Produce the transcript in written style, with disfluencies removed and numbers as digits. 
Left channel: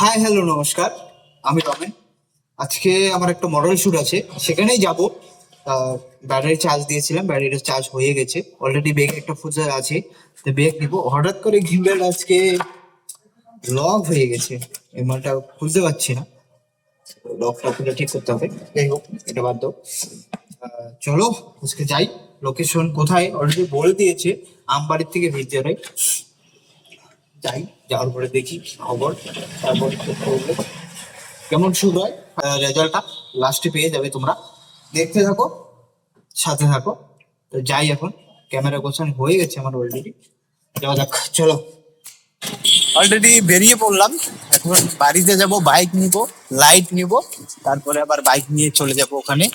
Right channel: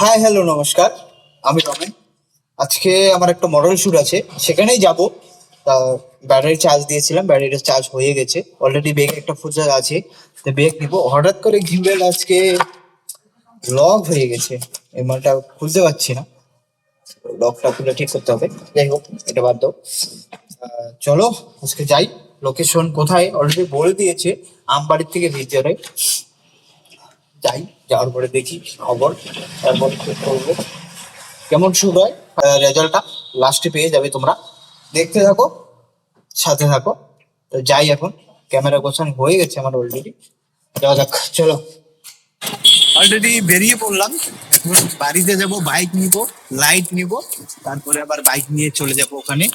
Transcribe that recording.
Hi hello নমস্কার। আমি রমেন। আজকে আমার একটা মডেল শুট আছে, সেখানেই যাব। ব্যাটারি চার্জ দিয়েছিলাম, ব্যাটারিটা চার্জ হয়ে গেছে অলরেডি। ব্যাগ একটা ফুচার আছে, তো ব্যাগ নিব। হঠাৎ করে গিম্বেল আজকে লক হয়ে গেছে, এই মালটা খুলতে পারছি না। লকটা খুলে ঠিক করতে হবে। যাই হোক, এটা বাদ দাও। চলো আজকে যাই। লোকেশন কোথায় অলরেডি বলে দিয়েছে, আমবাড়ির থেকে ভিতরে। যাই, যাওয়ার পরে দেখি খবর, তারপর ঠিক করবো কেমন শুট হয়। রেজাল্টটা লাস্টে পেয়ে যাবে তোমরা, দেখতে থাকো, সাথে থাকো। তো যাই এখন, ক্যামেরা গোছানো হয়ে গেছে আমার অলরেডি। যাওয়া যাক, চলো। অলরেডি বেরিয়ে পড়লাম। এখন বাড়িতে যাব, বাইক নিব, লাইট নিব, তারপরে আবার বাইক নিয়ে চলে যাব ওখানে।